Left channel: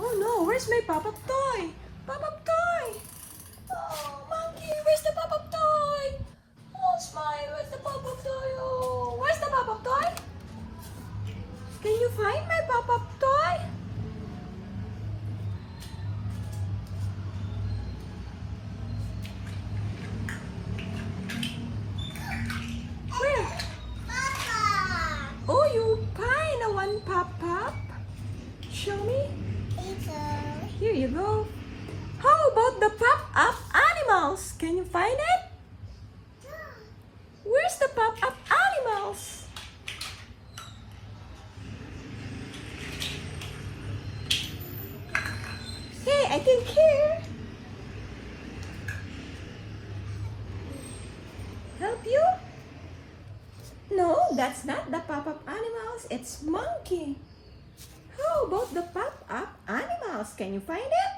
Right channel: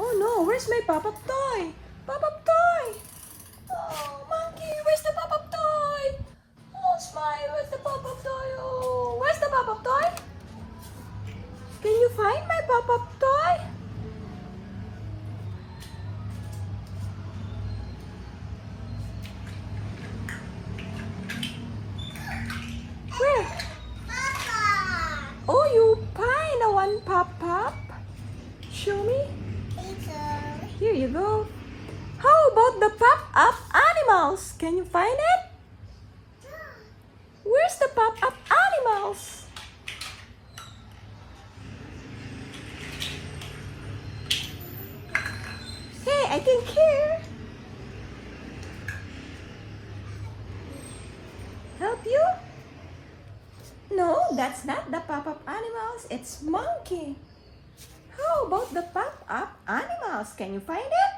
Oh no, where's my pop-up toy? Pop-up toy! Oh, monkey, where's the pop-up toy? Oh, Smile, where's the pop-up toy? Oh, where's the pop-up toy? Can you find my pop-up toy? Where? Oh, you find a one pop-up? Show me. Here you go. How about the pop-up animals? Can you find it? Where's the pop-up animals? Hey, I think here. Help you? No, that's not the pop-up animals. It's monkey. How about the pop-up animals? Can you find it?